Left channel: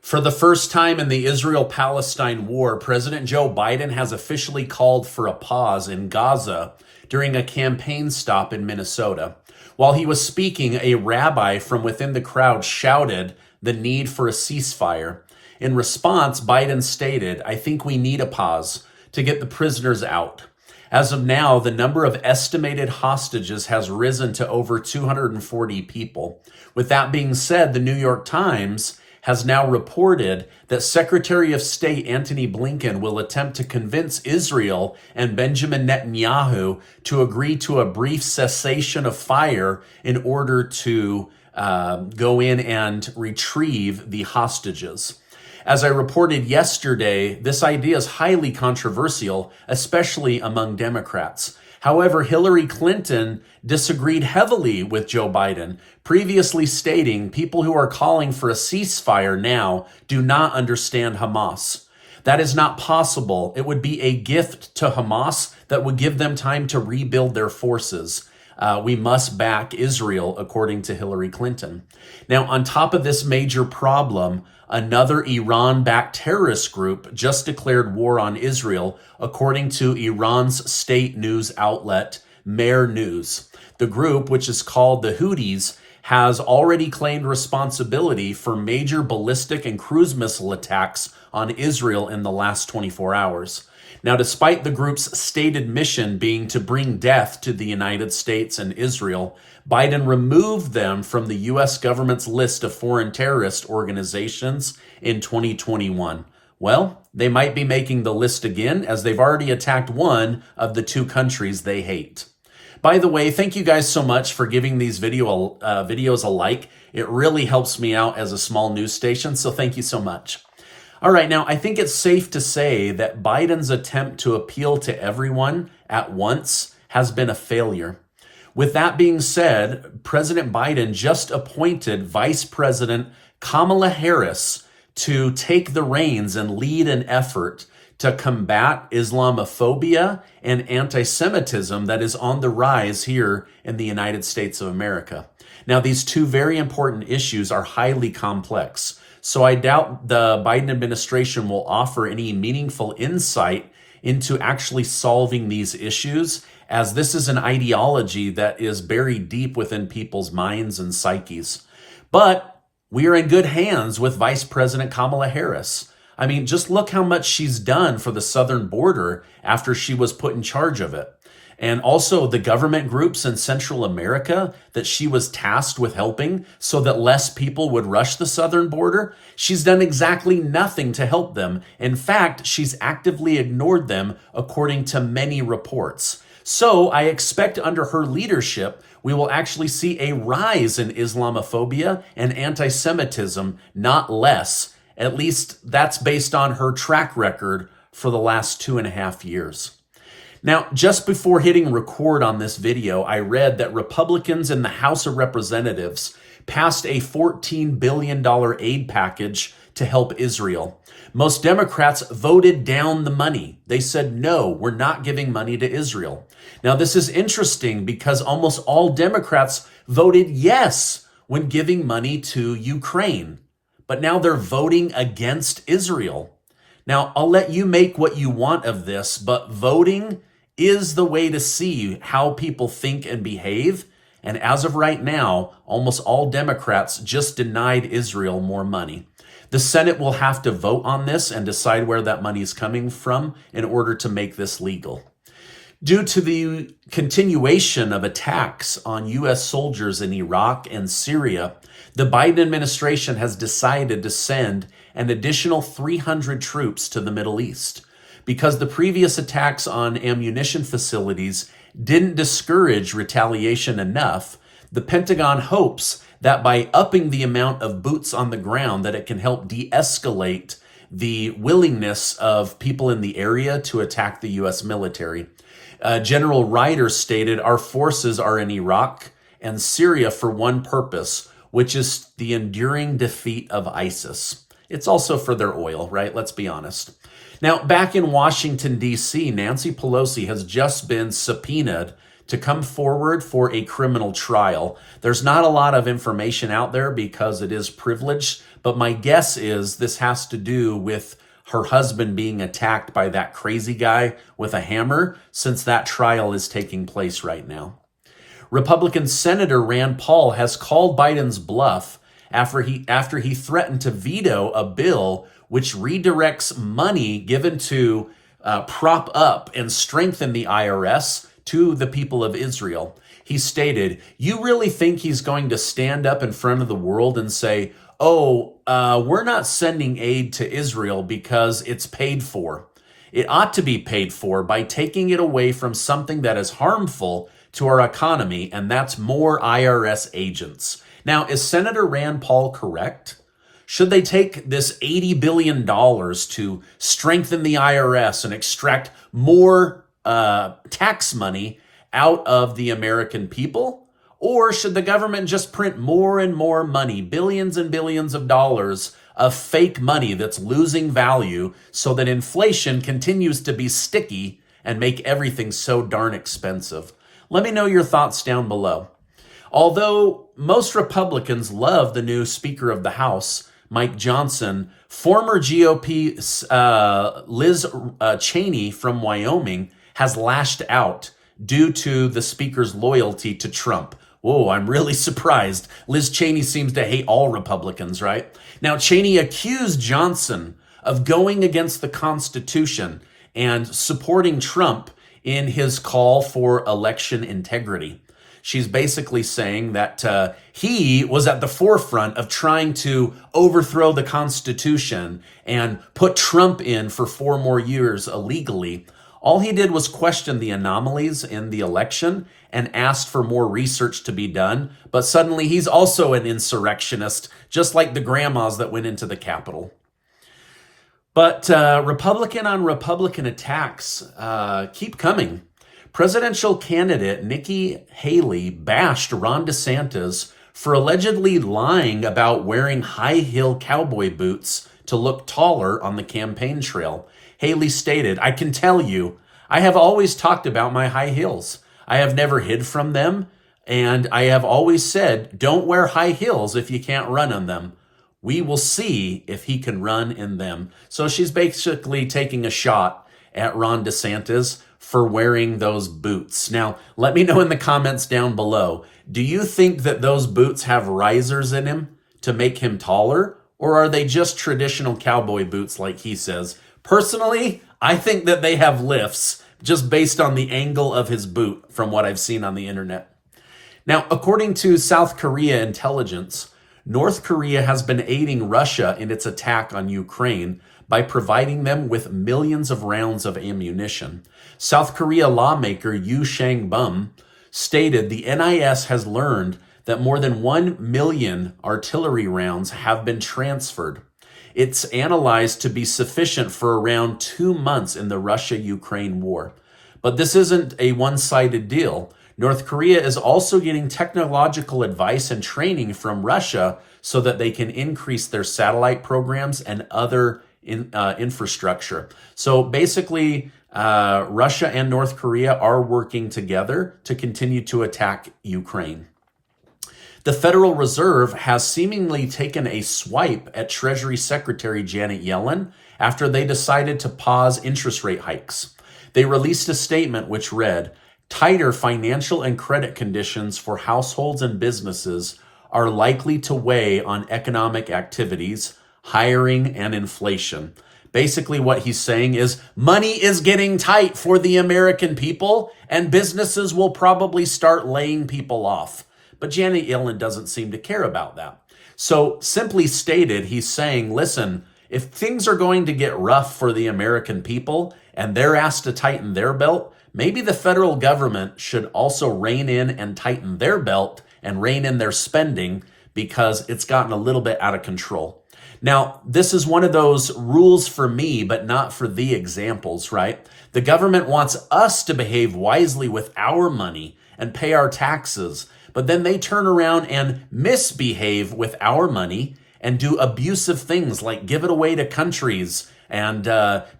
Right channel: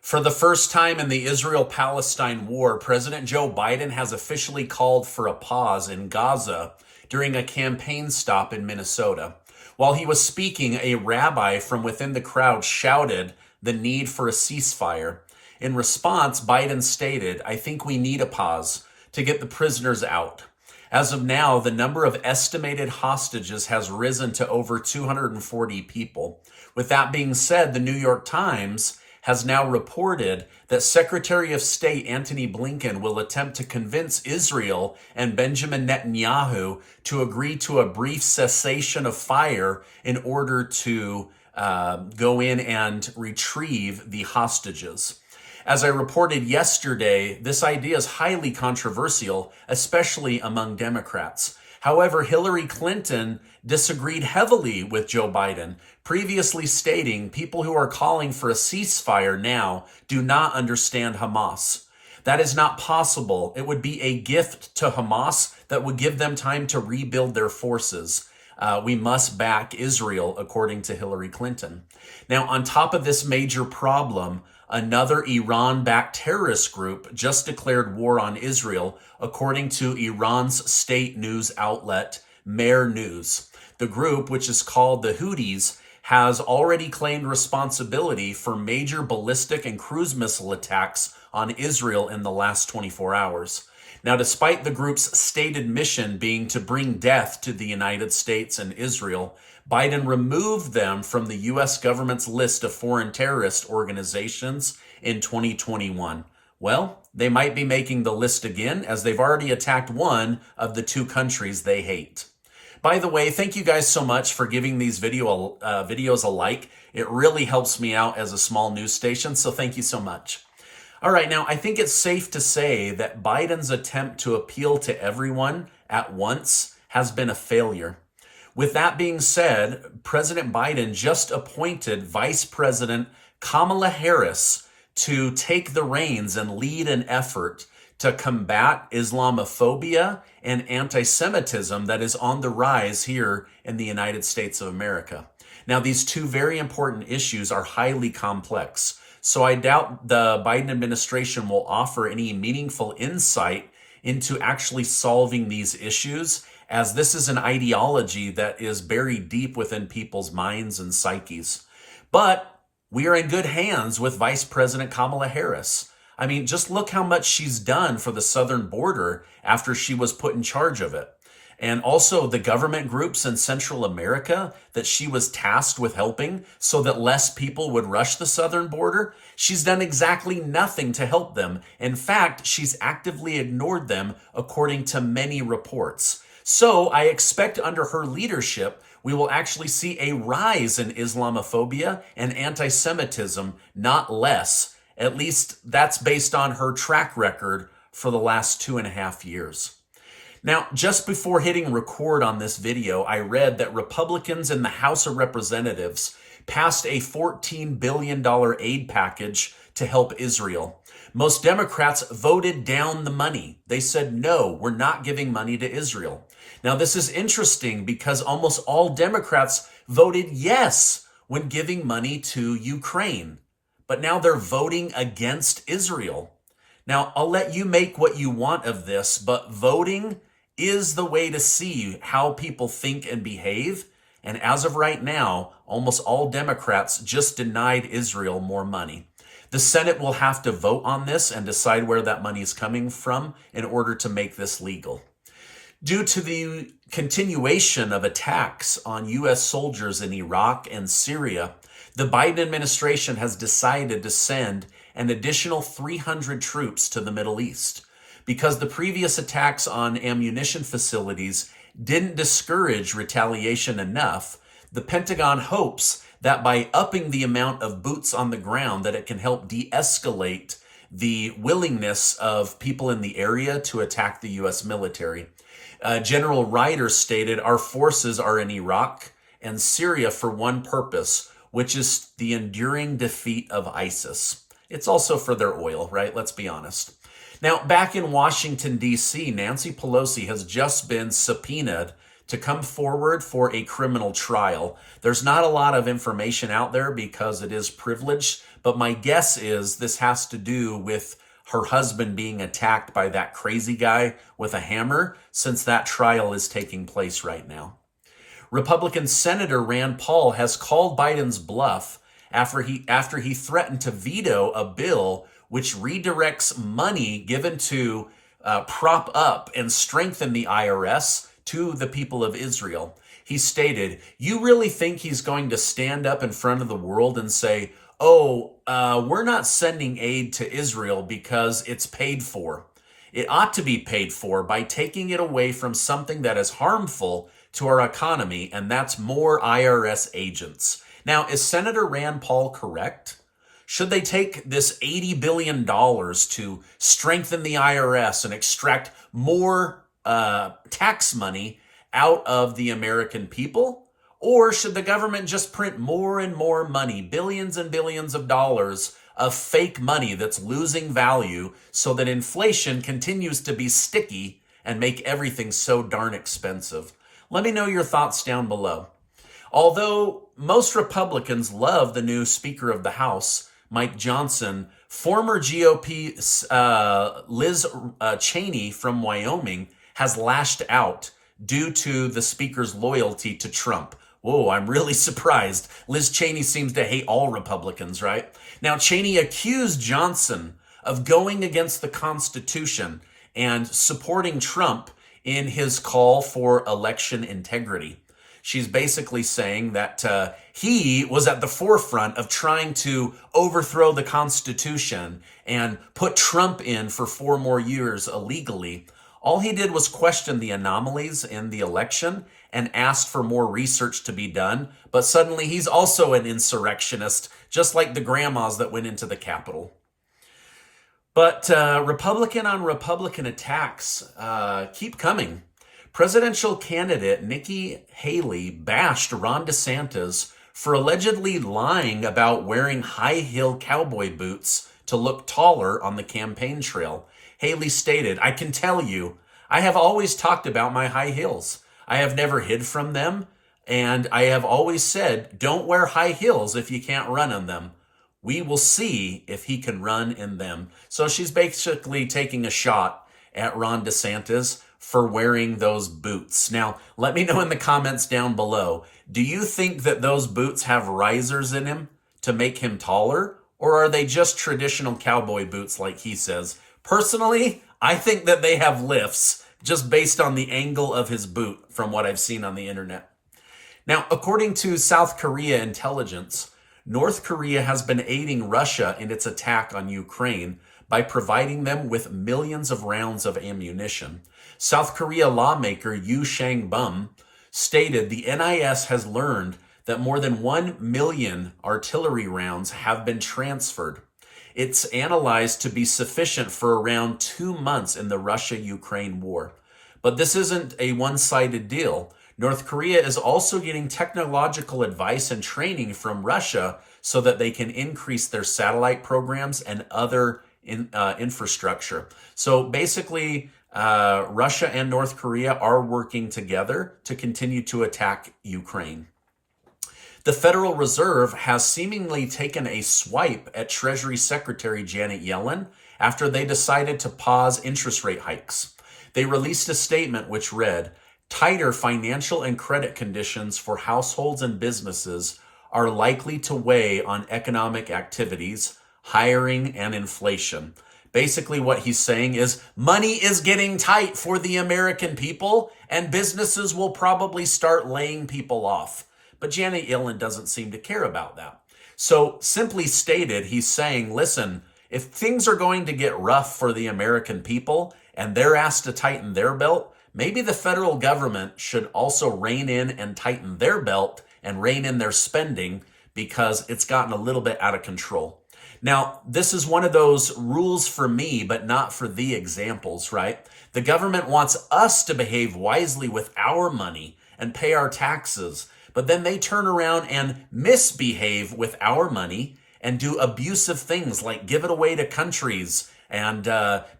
For the first time in the Israel-Palestine war, President Joe Biden has officially called for a pause in Gaza during a campaign stop in Minnesota. While he was speaking, a rabbi from within the crowd shouted the need for a ceasefire. In response, Biden stated, "I think we need a pause to get the prisoners out." As of now, the number of estimated hostages has risen to over 240 people. With that being said, the New York Times has now reported that Secretary of State Antony Blinken will attempt to convince Israel and Benjamin Netanyahu to agree to a brief cessation of fire in order to go in and retrieve the hostages. As I reported yesterday, this idea is highly controversial, especially among Democrats. However, Hillary Clinton disagreed heavily with Joe Biden, previously stating people who are calling for a ceasefire now do not understand Hamas. That is not possible. It would be a gift to Hamas that would give them time to rebuild their forces. We must back Israel, according to Hillary Clinton. Now, on top of this major problem, another Iran-backed terrorist group just declared war on Israel, according to Iran's state news outlet, Mehr News. The group, which is called the Houthis, has already claimed responsibility for major ballistic and cruise missile attacks on Israel in the last 24 hours. Now, despite the group's stated mission being to bring death to the United States and Israel, Biden removed them from the U.S. government's list of foreign terrorist organizations in 2021. Well, they might be making the list again, as they've already attacked one of the two countries they hate. By the way, thank you guys so much for giving these videos a like. It really helps me out as a small news station, so thank you so much. All right, now I think it's safe to say that Biden's attempt to appeal to everyone at once has been a failure. With that being said, President Biden just appointed Vice President Kamala Harris to take the reins and lead an effort to combat Islamophobia and anti-Semitism that is on the rise here in the United States of America. Now, these two very important issues are highly complex, so I doubt the Biden administration will offer any meaningful insight into actually solving these issues, as this is an ideology that is buried deep within people's minds and psyches. But we are in good hands with Vice President Kamala Harris. I mean, just look how much she's done for the southern border after she was put in charge of it. And also the government groups in Central America that she was tasked with helping so that less people would rush the southern border. She's done exactly nothing to help them. In fact, she's actively ignored them, according to many reports. So I expect under her leadership, we will actually see a rise in Islamophobia and anti-Semitism, not less. At least that's based on her track record for the last 2.5 years. Now, just before hitting record on this video, I read that Republicans in the House of Representatives passed a $14 billion aid package to help Israel. Most Democrats voted down the money. They said, no, we're not giving money to Israel. Now, this is interesting because almost all Democrats voted yes when giving money to Ukraine. But now they're voting against Israel. Now, I'll let you make what you want of this, but voting is the way to see how people think and behave. And as of right now, almost all Democrats just denied Israel more money. The Senate will have to vote on this and decide where that money is coming from in order to make this legal. Due to the continuation of attacks on U.S. soldiers in Iraq and Syria, the Biden administration has decided to send an additional 300 troops to the Middle East. Because the previous attacks on ammunition facilities didn't discourage retaliation enough, the Pentagon hopes that by upping the amount of boots on the ground, that it can help de-escalate the willingness of people in the area to attack the U.S. military. General Ryder stated, "Our forces are in Iraq and Syria for one purpose, which is the enduring defeat of ISIS." It's also for their oil, right? Let's be honest. Now, back in Washington, D.C., Nancy Pelosi has just been subpoenaed to come forward for a criminal trial. There's not a lot of information out there because it is privileged, But my guess is this has to do with her husband being attacked by that crazy guy with a hammer, since that trial is taking place right now. Republican Senator Rand Paul has called Biden's bluff after he threatened to veto a bill which redirects money given to prop up and strengthen the IRS to the people of Israel. He stated, "You really think he's going to stand up in front of the world and say, we're not sending aid to Israel because it's paid for. It ought to be paid for by taking it away from something that is harmful to our economy, and that's more IRS agents." Now, is Senator Rand Paul correct? Should they take this $80 billion to strengthen the IRS and extract more tax money out of the American people? Or should the government just print more and more money, billions and billions of dollars of fake money that's losing value so that inflation continues to be sticky and make everything so darn expensive? Let me know your thoughts down below. Although most Republicans love the new Speaker of the House, Mike Johnson, former GOP Liz Cheney from Wyoming has lashed out due to the Speaker's loyalty to Trump. Whoa, I'm really surprised. Liz Cheney seems to hate all Republicans, right? Now, Cheney accused Johnson of going against the Constitution and supporting Trump in his call for election integrity. She's basically saying that he was at the forefront of trying to overthrow the Constitution and put Trump in for 4 more years illegally. All he did was question the anomalies in the election and asked for more research to be done. But suddenly he's also an insurrectionist, just like the grandmas that went into the Capitol. But Republican on Republican attacks keep coming. Presidential candidate Nikki Haley bashed Ron DeSantis for allegedly lying about wearing high-heel cowboy boots to look taller on the campaign trail. Haley stated, "I can tell you, I have always talked about my high heels. I have never hid from them, and I have always said, don't wear high heels if you can't run on them. We will see if he can run in them." So she's basically taking a shot at Ron DeSantis for wearing those boots. Now, let me know in the comments down below, do you think that those boots have risers in him to make him taller, or are they just traditional cowboy boots like he says? Personally, I think that they have lifts just based on the angle of his boot from what I've seen on the internet. Now, according to South Korea intelligence, North Korea has been aiding Russia in its attack on Ukraine by providing them with millions of rounds of ammunition. South Korea lawmaker Yoo Sang-bum stated the NIS has learned that more than 1 million artillery rounds have been transferred. It's analyzed to be sufficient for around 2 months in the Russia-Ukraine war. But this isn't a one-sided deal. North Korea is also getting technological advice and training from Russia so that they can increase their satellite programs and other infrastructure. So basically, Russia and North Korea are working together to continue to attack Ukraine. The Federal Reserve has seemingly taken a swipe at Treasury Secretary Janet Yellen after they decided to pause interest rate hikes. They released a statement which read, "Tighter financial and credit conditions for households and businesses are likely to weigh on economic activities, hiring, and inflation." Basically what he's saying is money is getting tight for the American people and businesses will probably start laying people off. But Janet Yellen doesn't seem to care about that. So simply stated, he's saying, listen, if things are going to get rough for the American people and they're asked to tighten their belt, maybe the federal government should also rein in and tighten their belt and rein in their spending because it's gotten a little bit out of control. Now, this is one of those rules for me, but not for the examples, right? The government wants us to behave wisely with our money and pay our taxes, but then they turn around and misbehave with our money and do abusive things like give it away to countries and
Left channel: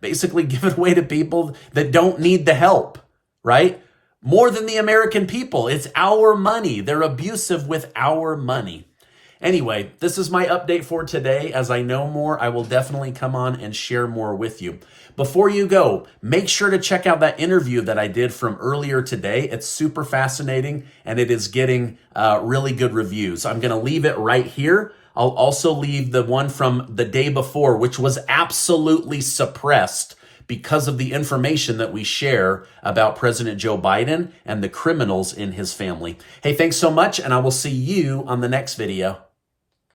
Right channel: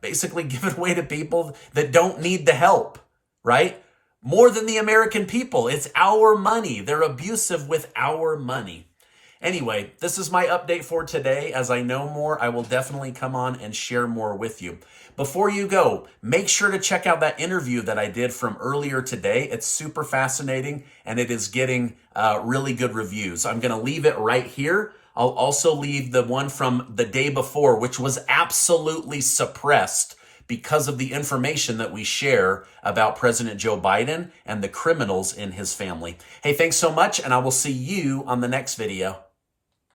basically give it away to people that don't need the help, right? More than the American people. It's our money. They're abusive with our money. Anyway, this is my update for today. As I know more, I will definitely come on and share more with you. Before you go, make sure to check out that interview that I did from earlier today. It's super fascinating, and it is getting really good reviews. I'm going to leave it right here. I'll also leave the one from the day before, which was absolutely suppressed because of the information that we share about President Joe Biden and the criminals in his family. Hey, thanks so much, and I will see you on the next video.